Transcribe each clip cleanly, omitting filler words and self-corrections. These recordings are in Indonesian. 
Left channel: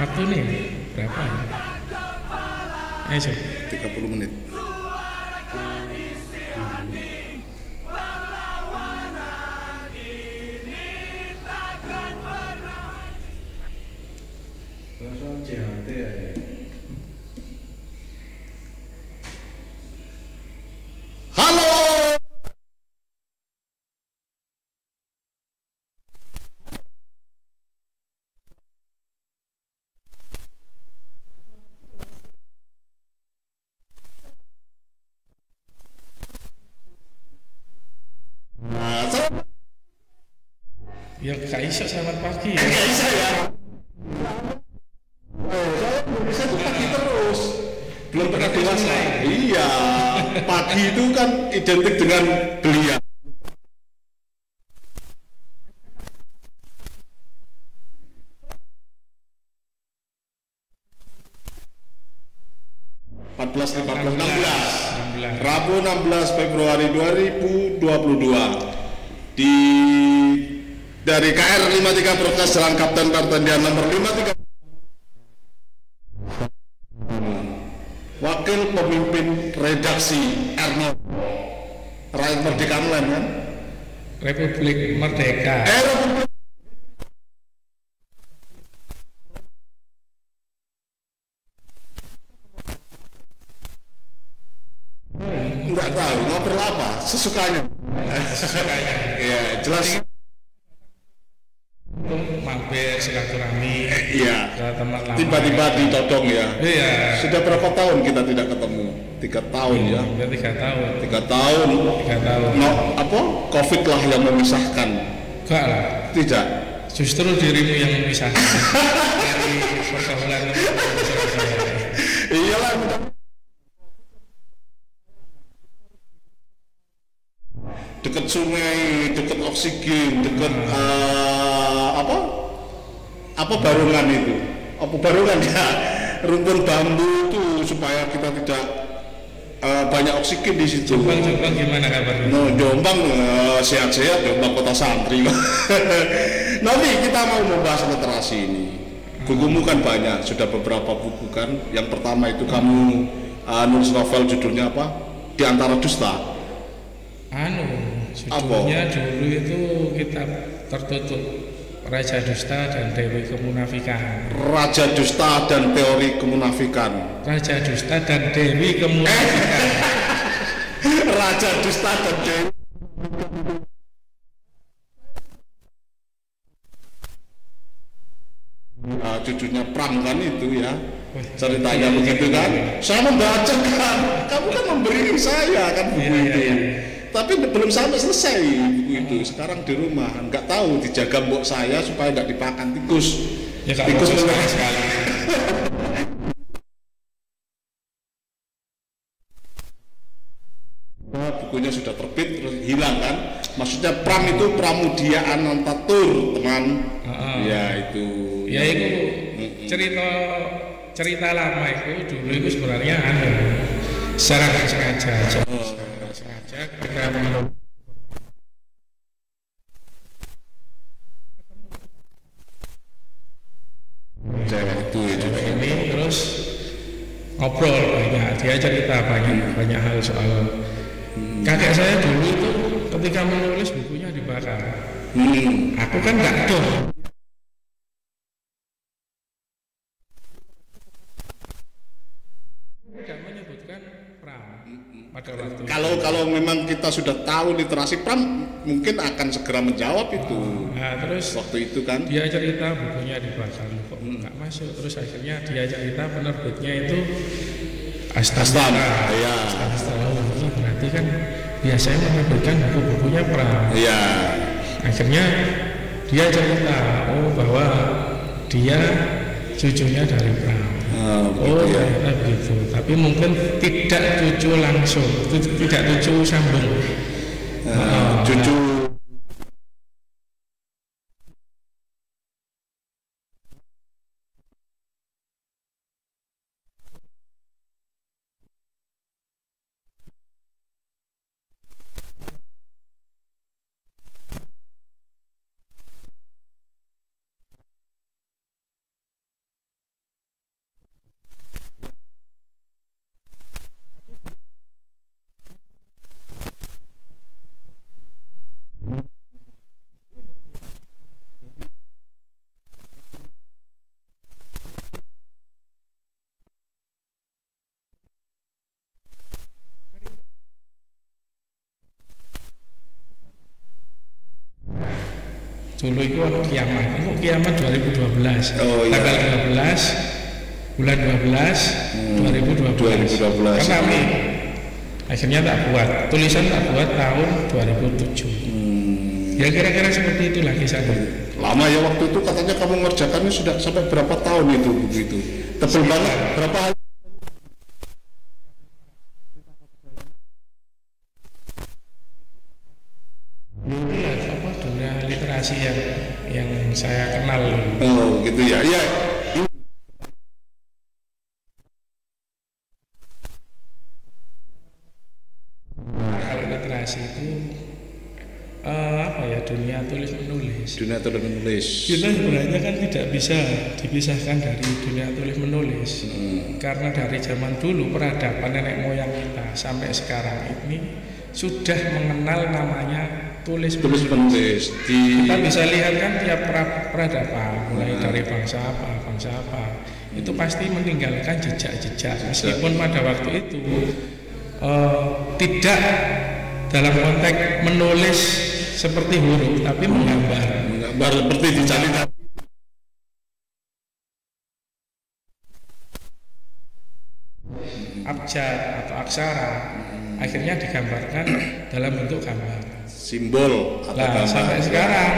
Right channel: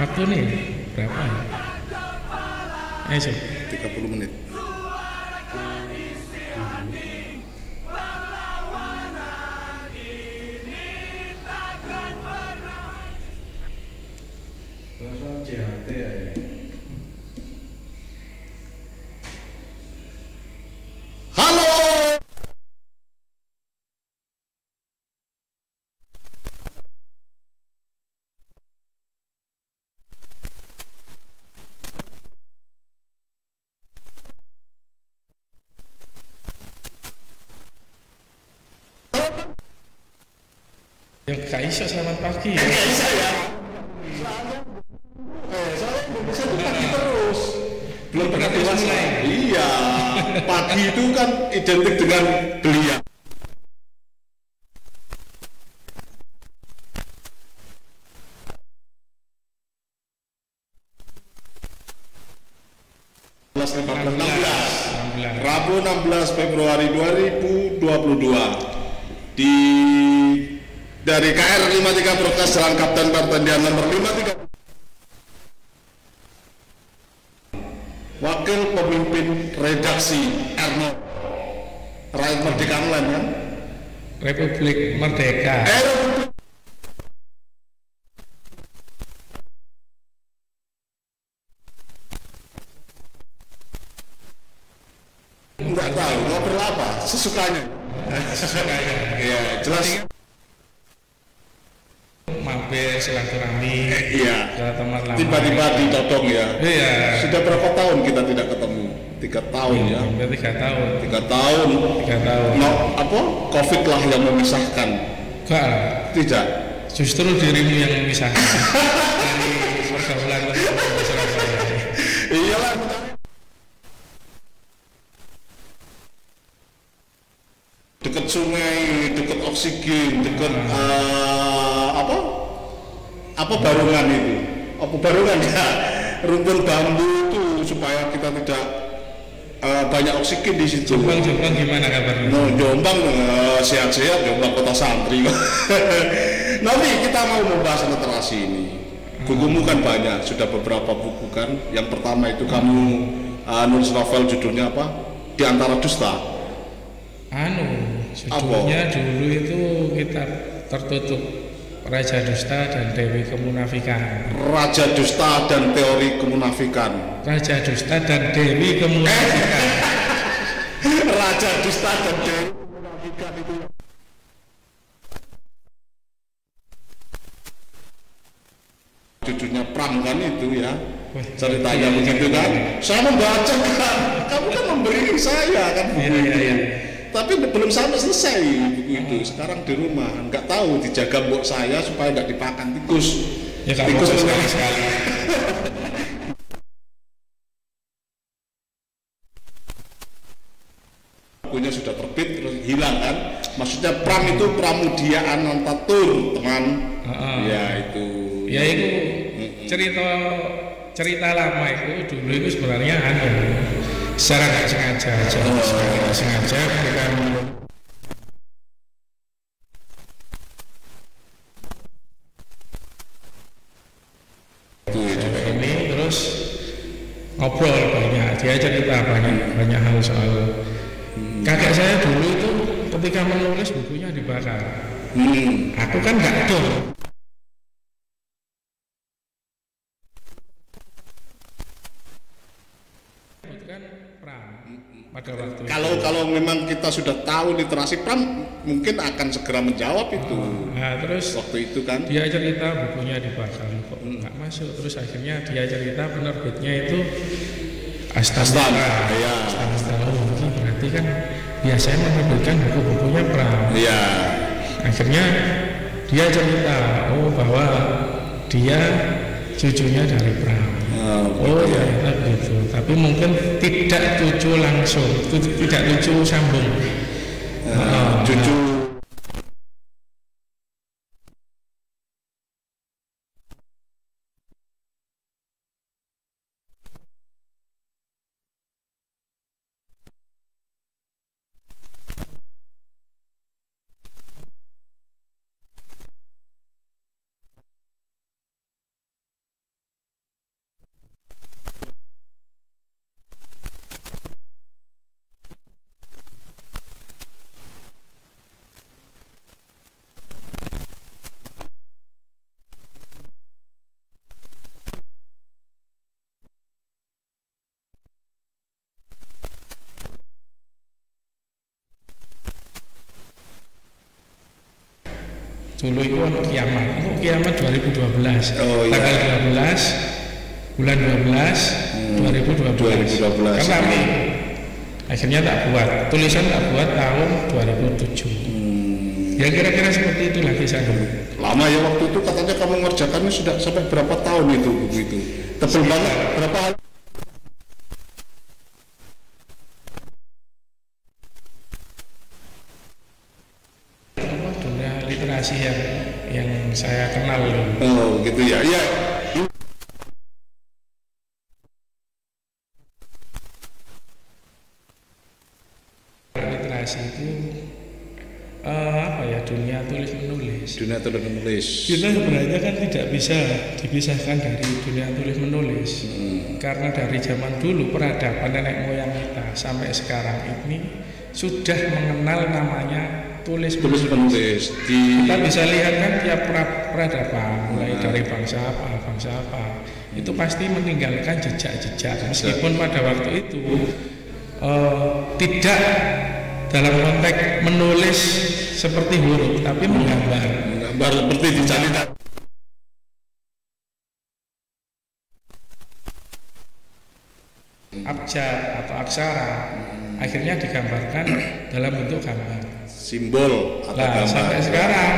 Waktu nih berapa? Ayo Sob. 30 menit. Halo. Ya Kak Iso, selamat pagi ya. Nggak bisa ya. Soalnya Indonesia tuh pagi terus. Belum pernah dewasa. Iya. Pagi itu kan identik dengan belia. Rabu 16 Februari 2022 di dari KR 53 Broadcast Jalan Kapten Pertendian nomor 53. Wakil pemimpin redaksi Erno Rakyat Merdeka Online kan? Republik Merdeka. Republik. Enggak tahu ngobrol apa, sesukanya. Sesukanya. Ya, jelas. Mampir silaturahmi. Iya. Ke teman lama. Tiba-tiba ditodong ya. Iya. Sudah berapa tahun kita tidak ketemu? 3 tahun ya. Hampir 3 tahun. 3 tahun. 3 tahun. No, apa? Covid lah yang memisahkan. Enggak lah. Tidak. Justru dirimu yang memisahkan dari pergaulan teman-teman saya. Iyalah. Dekat sungai, dekat oksigen, dekat apa barungan itu? Apa barungan ya? Rumpun bambu itu supaya kita tidak banyak oksigen di situ. Jombang gimana kabarnya? No, Jombang sehat-sehat, Jombang kota santri. Nanti kita mau membahas literasi ini. Bukumu kan banyak, sudah beberapa buku kan. Yang pertama itu kamu nulis novel judulnya apa? Di Antara Dusta. Judulnya dulu itu kitab tertutup Raja Dusta dan Dewi Kemunafikan. Raja Dusta dan Teori Kemunafikan. Raja Dusta dan Dewi Kemunafikan. Raja Dusta dan Dewi Kemunafikan itu. Cucunya Pram kan itu ya. Ceritanya begitu kan. Saya membaca kan. Kamu kan memberi saya kan buku itu. Iya. Tapi belum sampai selesai buku itu. Sekarang di rumah nggak tahu dijaga mbok saya supaya nggak dipakan tikus. Ya tikus sekali. Bukunya sudah terbit terus hilang kan? Maksudnya Pram itu Pramudia Anantatur teman. Ya itu. Ya itu cerita lama itu dulu itu sebenarnya secara nggak sengaja aja. Sengaja ketika menulis ini terus ngobrol banyak, dia cerita banyak hal soal kakek saya dulu itu ketika menulis bukunya dibakar. Aku kan nggak dong. Kalau memang kita sudah tahu literasi Pram mungkin akan segera menjawab itu. Nah, terus waktu itu kan dia cerita bukunya dibakar kok nggak masuk. Terus akhirnya dia cerita penerbitnya itu Astana. Ya. Astana. Ini berarti kan biasanya menerbitkan buku-bukunya Pram. Iya. Akhirnya dia cerita bahwa dia cucunya dari Pram. Ternyata begitu. Tapi mungkin tidak cucu langsung, tidak cucu sambung. Cucu dulu itu ono kiamat. Itu kiamat 2012. Oh, iya. Tanggal 12 bulan 12 2012. Kan rame. Akhirnya tak buat. Tulisan tak buat tahun 2007. Ya kira-kira seperti itulah kisah dulu. Lama ya waktu itu, katanya kamu ngerjakannya sudah sampai berapa tahun itu buku itu? Tebel banget, berapa hari? Apa dunia literasi yang saya kenal dulu. Oh gitu ya, ya. Kalau literasi itu apa ya, dunia tulis menulis. Dunia tulis menulis. Kita sebenarnya kan tidak bisa dipisahkan dari dunia tulis menulis. Karena dari zaman dulu peradaban nenek moyang kita sampai sekarang ini sudah mengenal namanya tulis menulis. Kita bisa lihat kan tiap peradaban mulai dari bangsa apa itu pasti meninggalkan jejak-jejak, meskipun pada waktu itu tidak dalam konteks menulis seperti huruf, tapi menggambar seperti dicatat. Abjad atau aksara akhirnya digambarkan dalam bentuk gambar, simbol atau gambar. Sampai sekarang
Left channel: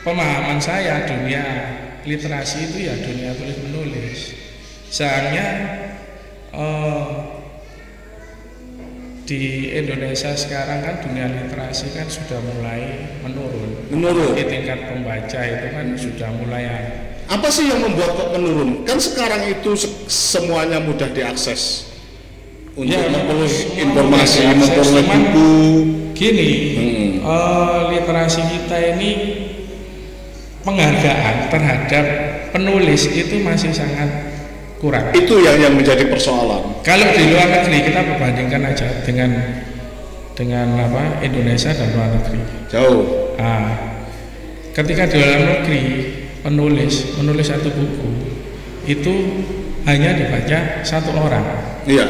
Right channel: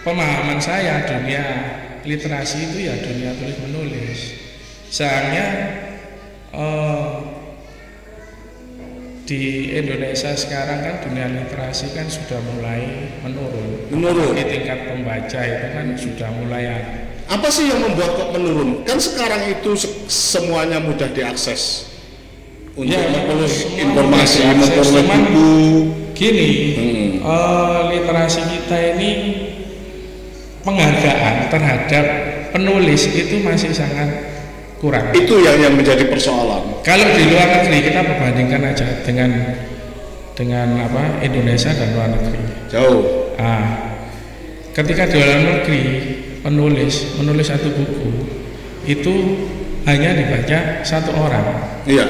pemahaman saya dunia literasi itu ya dunia tulis menulis. Sayangnya di Indonesia sekarang kan dunia literasi kan sudah mulai menurun. Di tingkat pembaca itu kan sudah mulai. Apa sih yang membuat kok menurun? Kan sekarang itu semuanya mudah diakses untuk ya, memperoleh informasi, memperoleh buku. Gini, literasi kita ini penghargaan terhadap penulis itu masih sangat kurang. Itu yang menjadi persoalan. Kalau di luar negeri kita perbandingkan aja dengan apa, Indonesia dan luar negeri. Jauh. Ketika di luar negeri menulis satu buku itu hanya dibaca satu orang. Iya.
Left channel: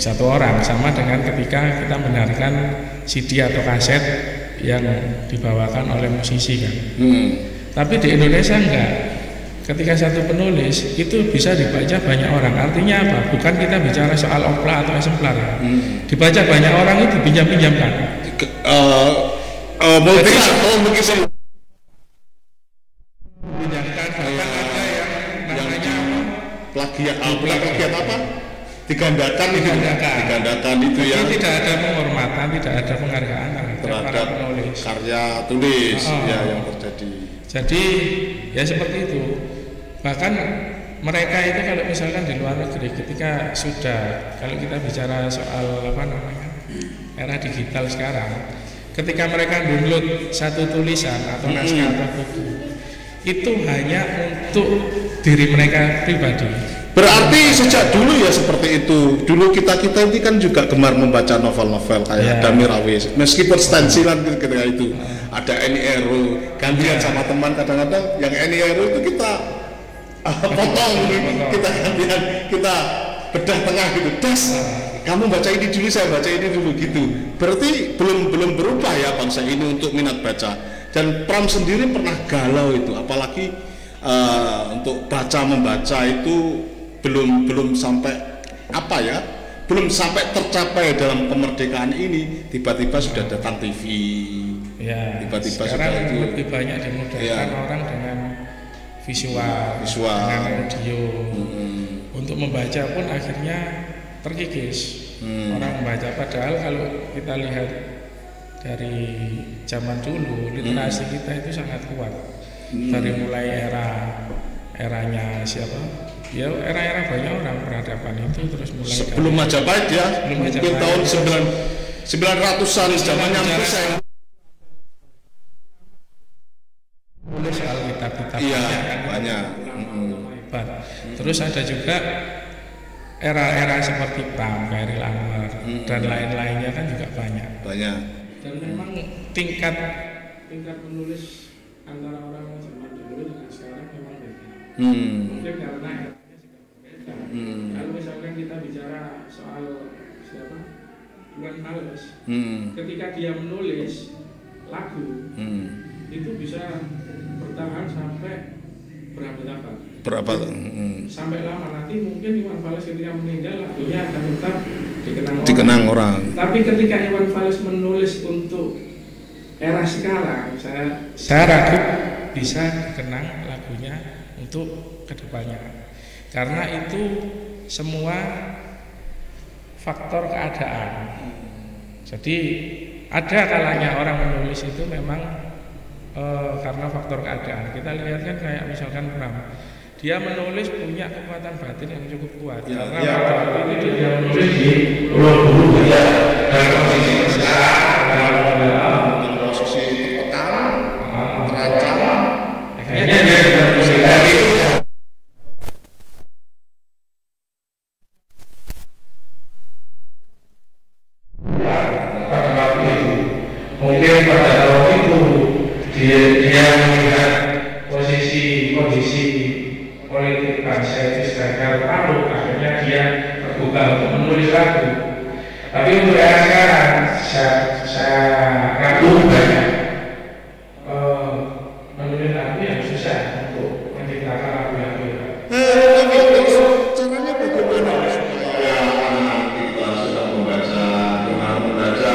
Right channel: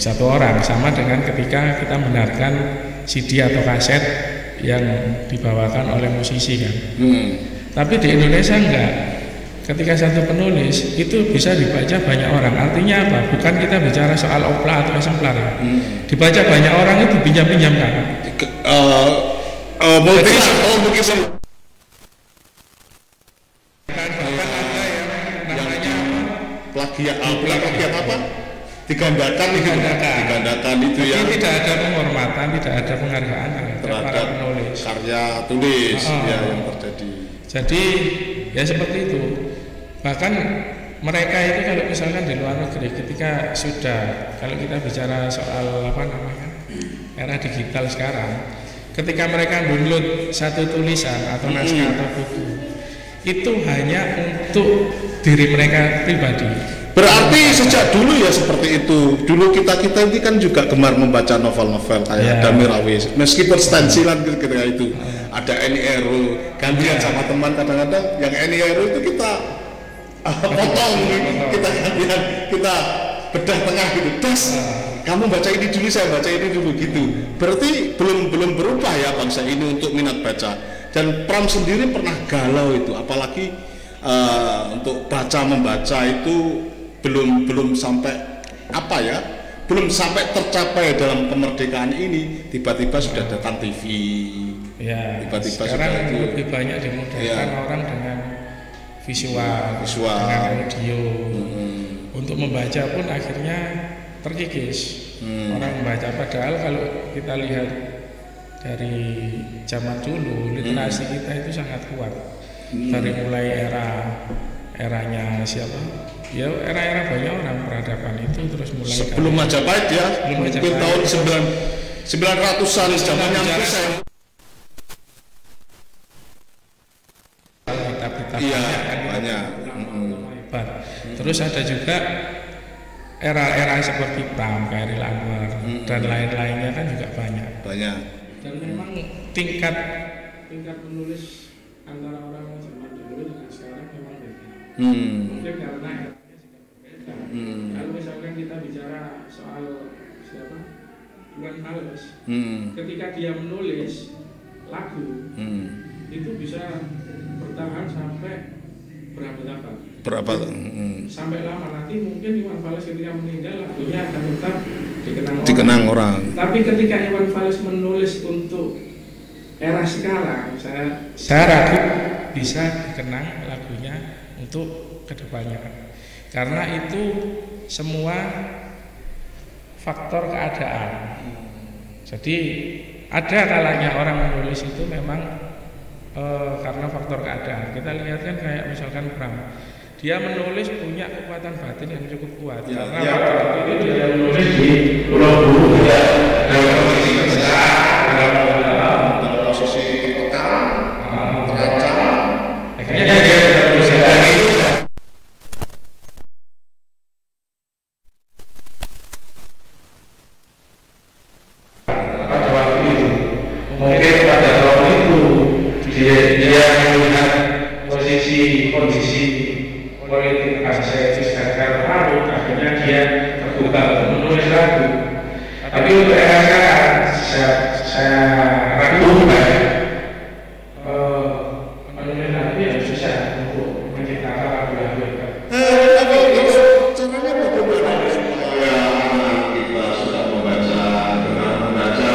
Satu orang, sama dengan ketika kita mendengarkan CD atau kaset yang dibawakan oleh musisi kan. Tapi di Indonesia enggak. Ketika satu penulis itu bisa dibaca banyak orang. Artinya apa? Bukan kita bicara soal opla atau eksemplar ya. Dibaca banyak orang itu pinjam-pinjamkan. Mungkin pinjamkan, bahkan ada yang namanya plagiat apa? Digandakan itu ya. Tidak ada penghormatan, tidak ada penghargaan terhadap para penulis. Karya tulis ya yang terjadi. Jadi ya seperti itu. Bahkan mereka itu kalau misalkan di luar negeri ketika sudah, kalau kita bicara soal apa namanya era digital sekarang, ketika mereka download satu tulisan atau naskah atau buku itu hanya untuk diri mereka pribadi. Berarti sejak dulu ya seperti itu. Dulu kita ini kan juga gemar membaca novel-novel kayak Damir Rawis. Meskipun stensilan ketika itu ada Eni Eru, gantian sama teman kadang-kadang yang Eni Eru itu kita potong, kita gantian, kita bedah tengah gitu. Kamu baca ini dulu, saya baca ini dulu gitu. Berarti belum berubah ya bangsa ini untuk minat baca. Dan Pram sendiri pernah galau itu, apalagi untuk membaca itu belum sampai apa ya, belum sampai tercapai dalam kemerdekaan ini, tiba-tiba sudah datang TV. Ya, tiba-tiba sekarang sudah itu lebih banyak dimudahkan orang dengan visual. Dengan audio. Untuk membaca pun akhirnya terkikis. Orang membaca, padahal kalau kita lihat dari zaman dulu literasi kita itu sangat kuat. Dari mulai eranya siapa? Ya era banyak orang peradaban itu terus mulai sebelum Majapahit ya. Mungkin tahun 900-an zamannya saya nulis kitab-kitab banyak. Hebat. Terus ada juga era-era seperti Pram, Chairil Anwar dan lain-lainnya kan juga banyak. Dan memang tingkat menulis antara orang zaman dulu dengan sekarang memang beda. Mungkin karena eranya juga berbeda. Kalau misalkan kita bicara soal siapa? Iwan Fals, ketika dia menulis lagu itu bisa bertahan sampai berabad-abad. Berapa? Sampai lama, nanti mungkin Iwan Fals ketika meninggal lagunya akan tetap dikenang orang. Tapi ketika Iwan Fals menulis untuk era sekarang, saya ragu bisa dikenang lagunya untuk kedepannya, karena itu semua faktor keadaan. Jadi ada kalanya orang menulis itu memang karena faktor keadaan. Kita lihat kan kayak misalkan Bram, dia menulis punya kekuatan batin yang cukup kuat karena pada waktu itu dia menulis di Pulau Buru ya, dalam posisi tertekan, terancam, akhirnya dia bisa dari pada waktu itu. Mungkin pada tahun itu dia melihat kondisi politik bangsa itu sedang terlalu, akhirnya dia terbuka menulis lagu. Tapi untuk era sekarang saya ragu banyak menulis lagu yang susah untuk menciptakan lagu-lagu itu. Tapi terus caranya bagaimana ini supaya kita sudah membaca dengan membaca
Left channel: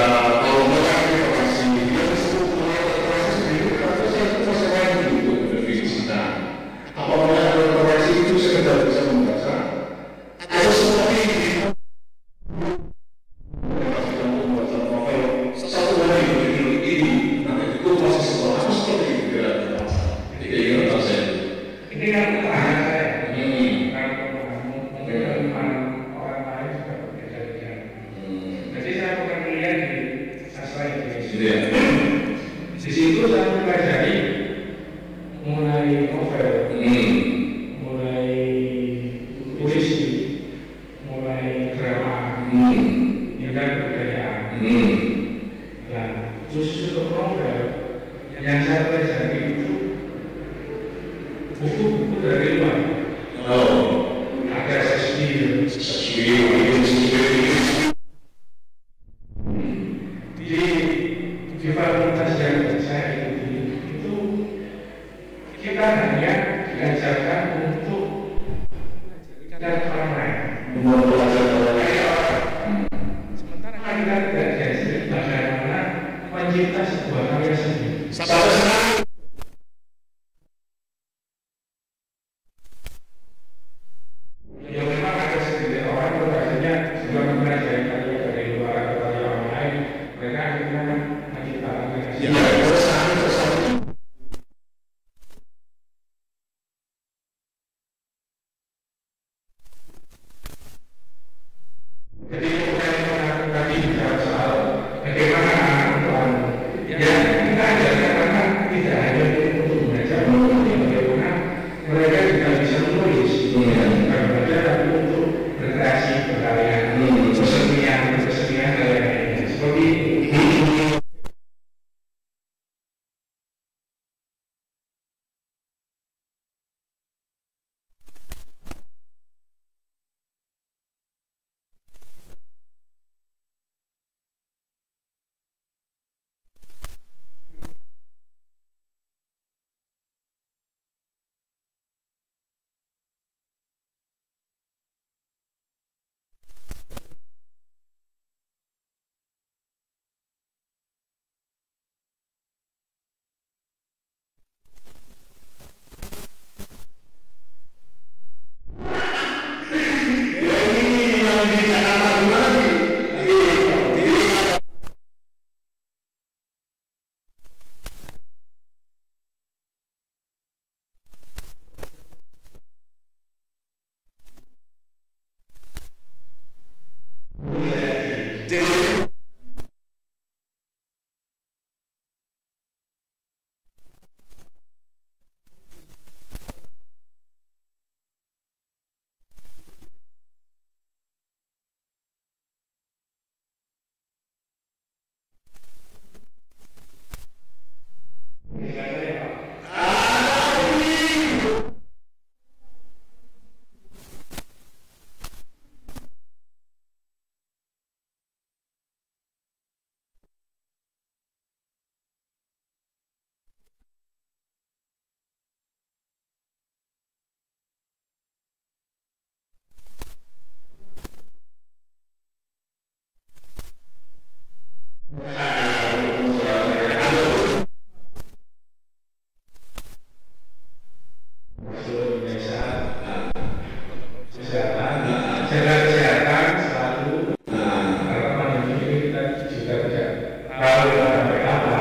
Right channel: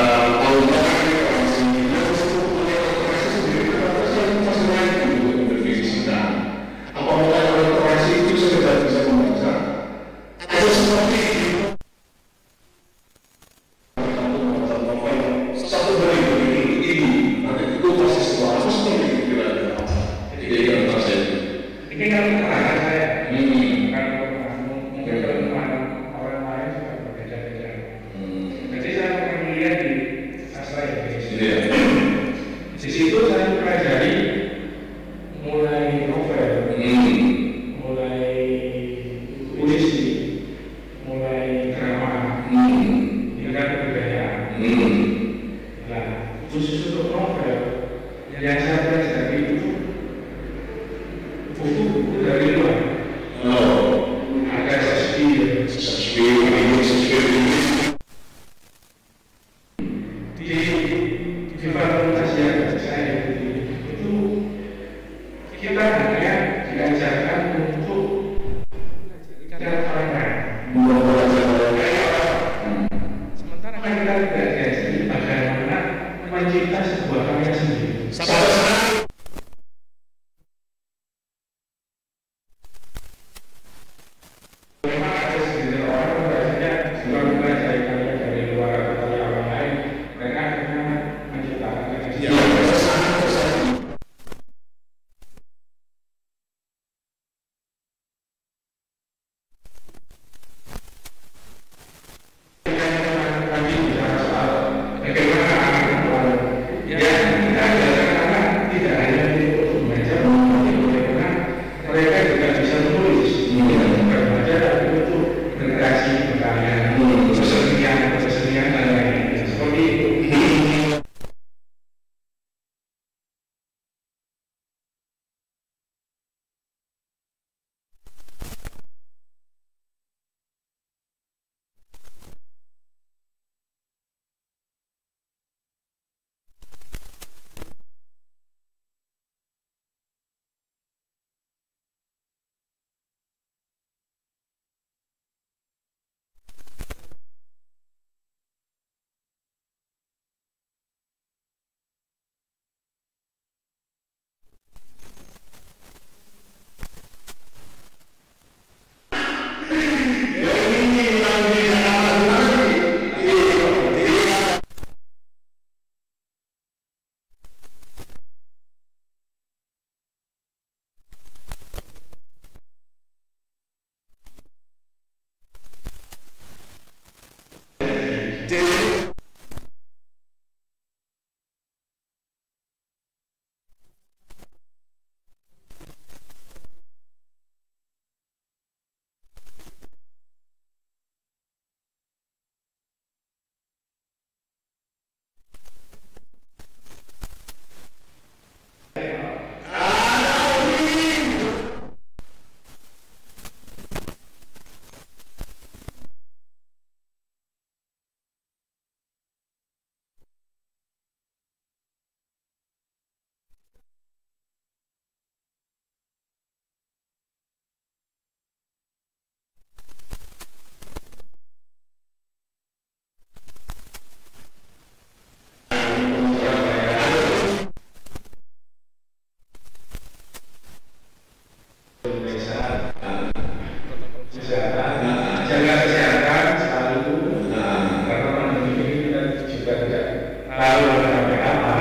jaga kesehatan selalu. Karena ini kita juga tidak tahu sampai kapan.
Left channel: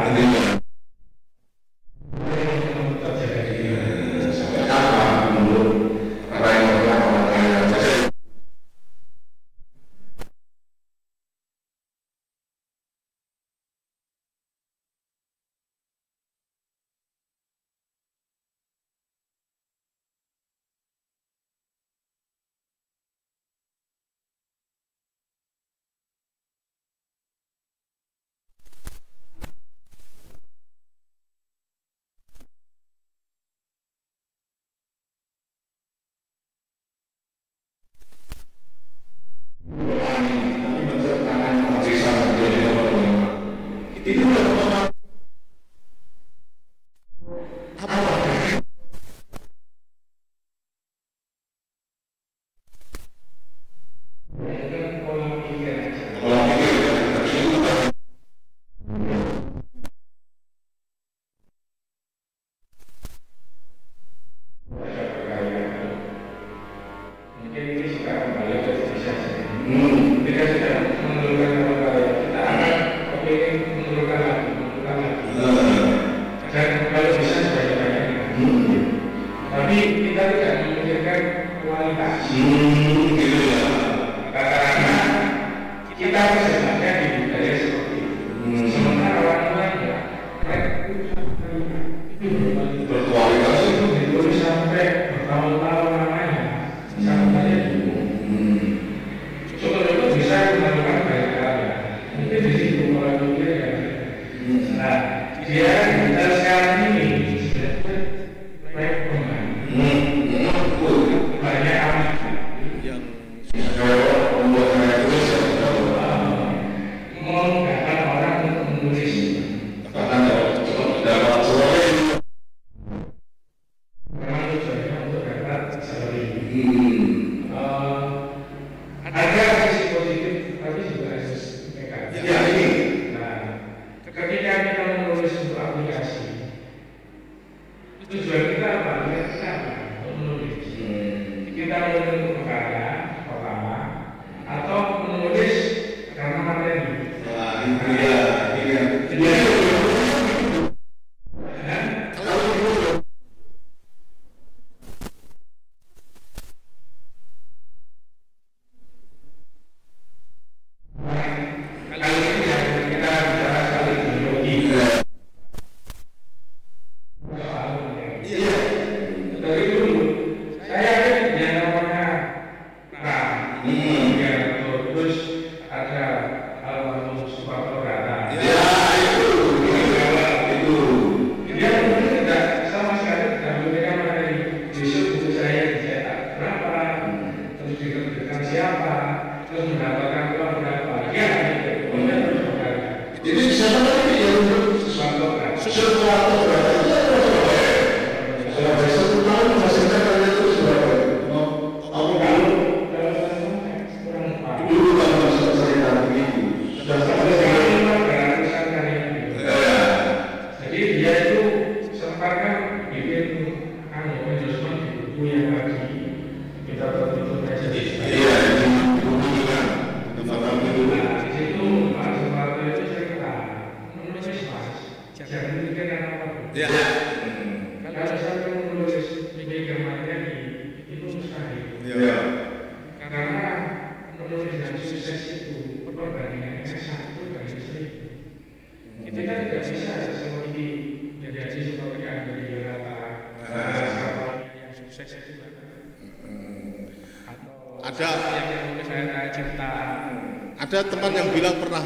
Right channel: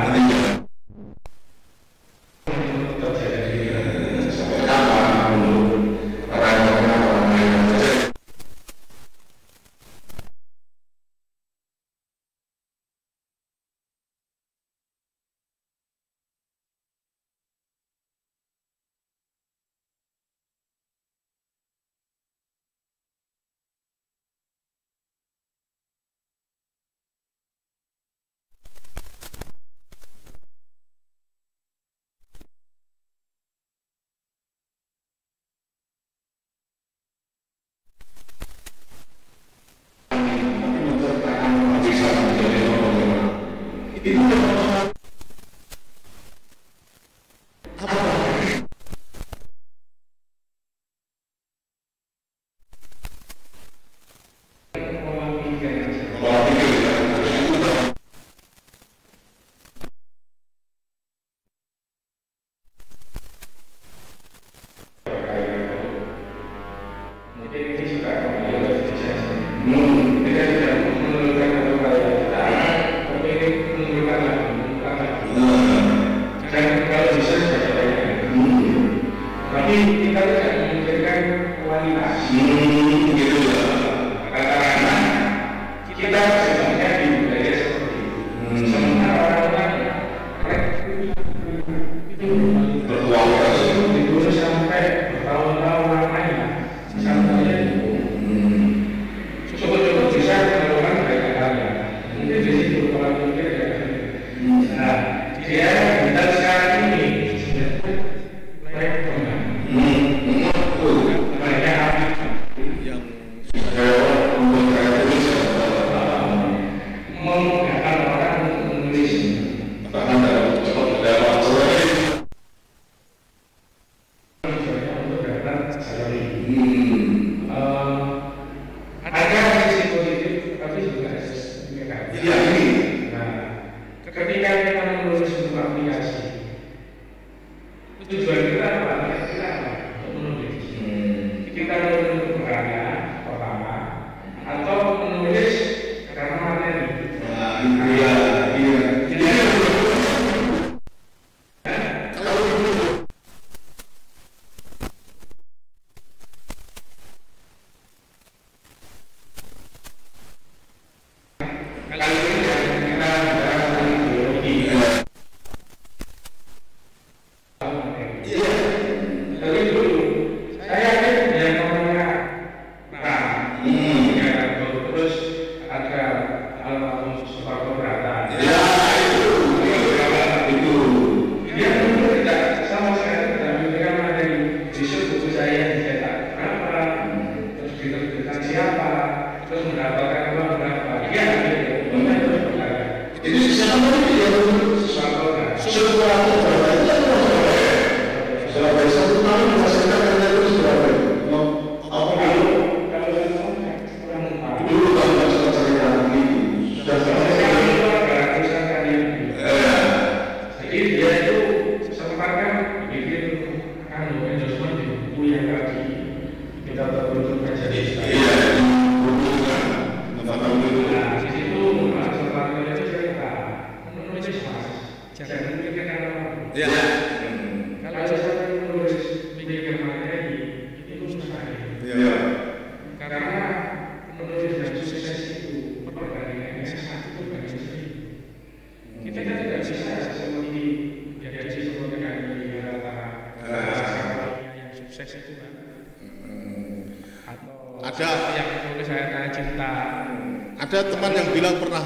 Ada teman yang bilang pernah,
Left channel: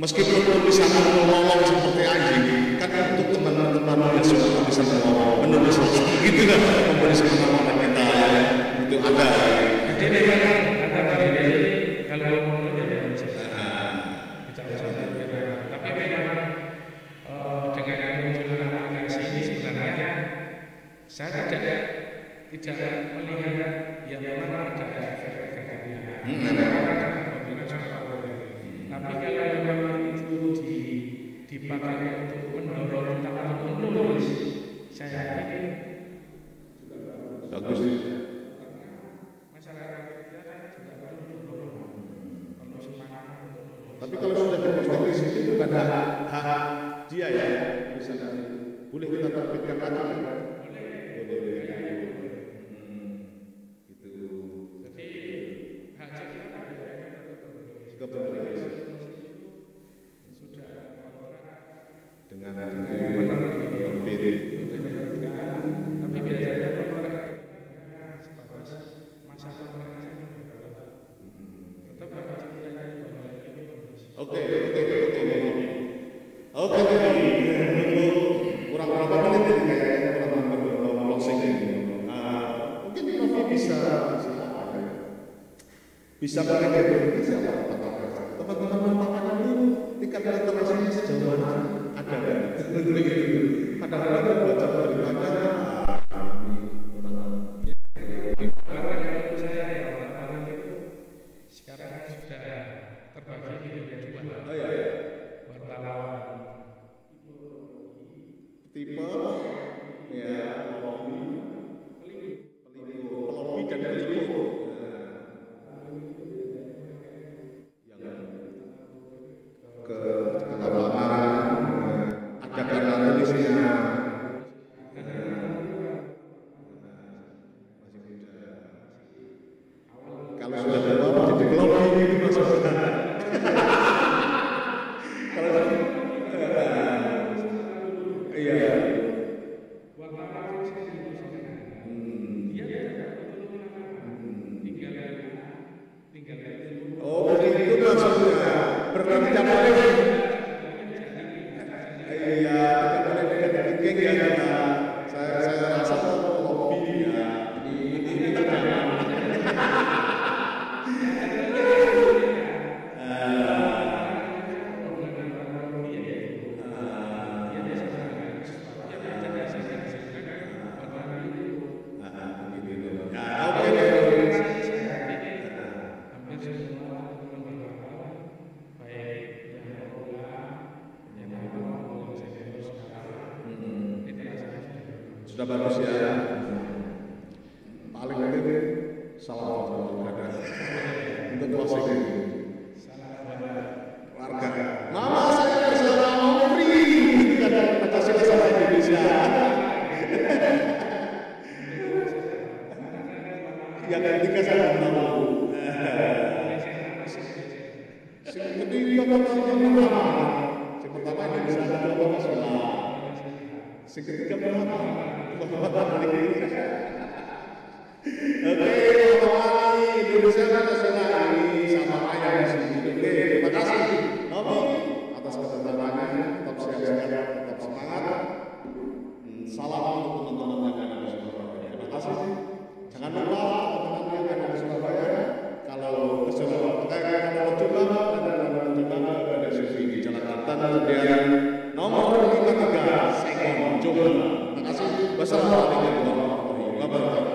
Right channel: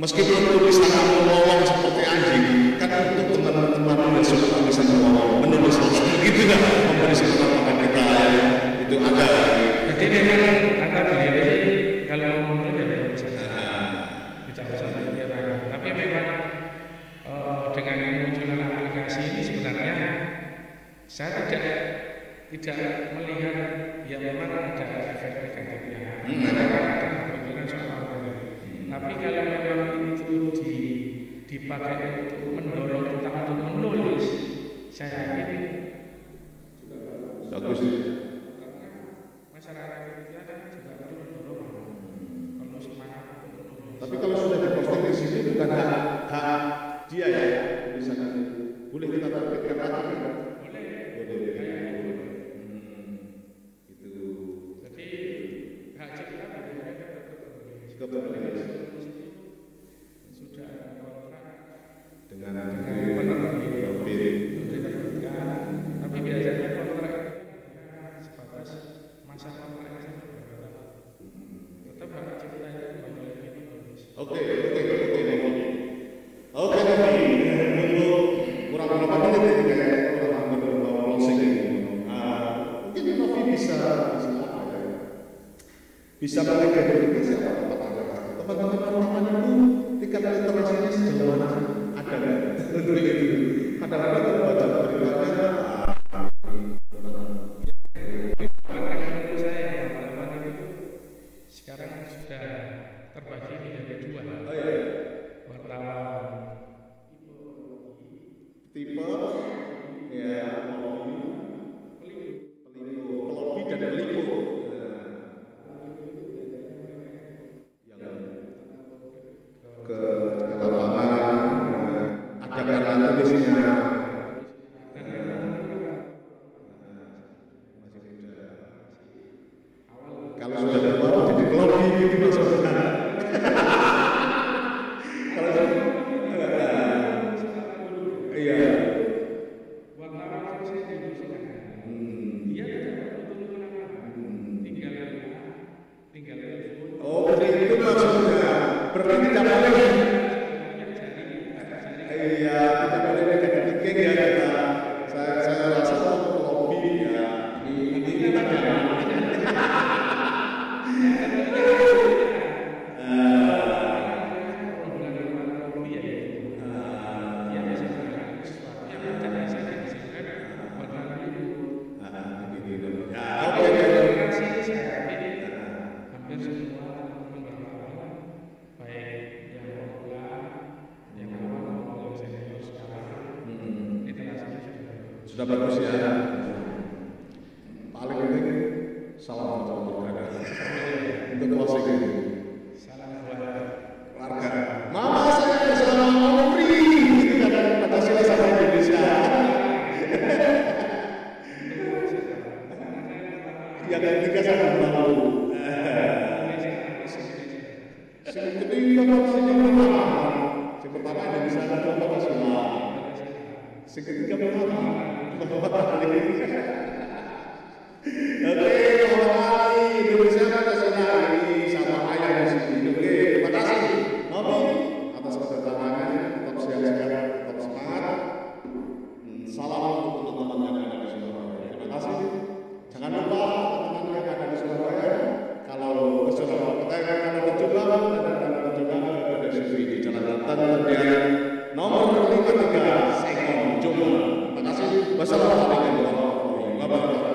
meskipun tulisanmu melolong seperti anjing, kan untuk teman-teman yang suka tulisan melolong, menulis begitu kan, memberi semangat pada kita ya, itu ada. Jadi memang kata beliau ini kalau mau menulis ya memang bisa, tidak usah berpikiran. Tapi memang dengan kemunculan aplikasi ini sebenarnya saya tidak melihat ya memang ada efek negatifnya. Tapi kalau memang itu dipakai untuk mendorong kita untuk menulis, saya yakin bagus. masyarakat kita kan juga perlu dorongan, perlu semangat untuk menulis. Tapi kalau sudah diposting di situ bukan hak dia ya, misalnya boleh kita terbitkan lagi kan? Boleh. Boleh. Kayaknya boleh. Gitu. Jadi hak cipta biasanya Ke penulis. Sudah ada kontrak Dengan penerbit untuk diterbitkan. Tapi biasanya kontrak itu hanya sebatas masa kontraknya saja berkata. Tetap hak cipta itu kembali lagi ke penulis. Oke, Novi. Oke, Novi. Untuk kurang berapa menit ini kayaknya kurang hampir mau closing ini. Mungkin Novi bisa apa ya? Bisa mengidentifikasi apa teman-teman wartawan itu tingkat literasinya sejauh mana sih? Ada nggak? Untuk itu. Kadang-kadang kalau baca beritanya Menurut saya wartawan itu sekarang sudah terbagi menjadi dua. oh ya, Wartawan tipe ya pelobi dan peliput. Yang ke lapangan ada karena tulisnya masih muda. Kalau sudah tua menjadi pelobi gitu maksudnya. Kalau iya. wartawan yang saya diurusin dia tidak perlu turun ke lapangan, tinggal telepon. Oh begitu maksudnya. Berarti tidak boleh. Iya, tidak boleh negatif thinking ya kita. Saya rasa pelobi ya. Ini kita jangan. Hampir semua teman-teman wartawan, baik yang pemula, yang awal maupun yang senior sekarang, literasinya sudah bagus. Sudah bagus ya. Paling penting salam buat keluarga untuk closing ini. Salam buat Keluarga. Mama saya bersama Omri. Itu kan Pancasila sama Indonesia. Yang ketiga saya belum tahu. Yang ketiga pertama. Yang pertama Indonesia, kedua Pancasila. Yang ketiga Muhammad. Oke, Muhammad Ali, Indonesia Pancasila ini sama ayah di sini. Oke, terima kasih Novi atas kedatangannya. Tetap sehat-sehat, tetap semangat. Salam untuk teman-teman yang ada di Surabaya. Terima kasih. Jangan lupa teman-teman yang ada di Surabaya, kalau ke Surabaya, kalau ke Jombang, ke PDSUV di Jalan Kartan Tendian nomor 53 Sengon Jombang. Terima kasih. Wassalamualaikum warahmatullahi wabarakatuh.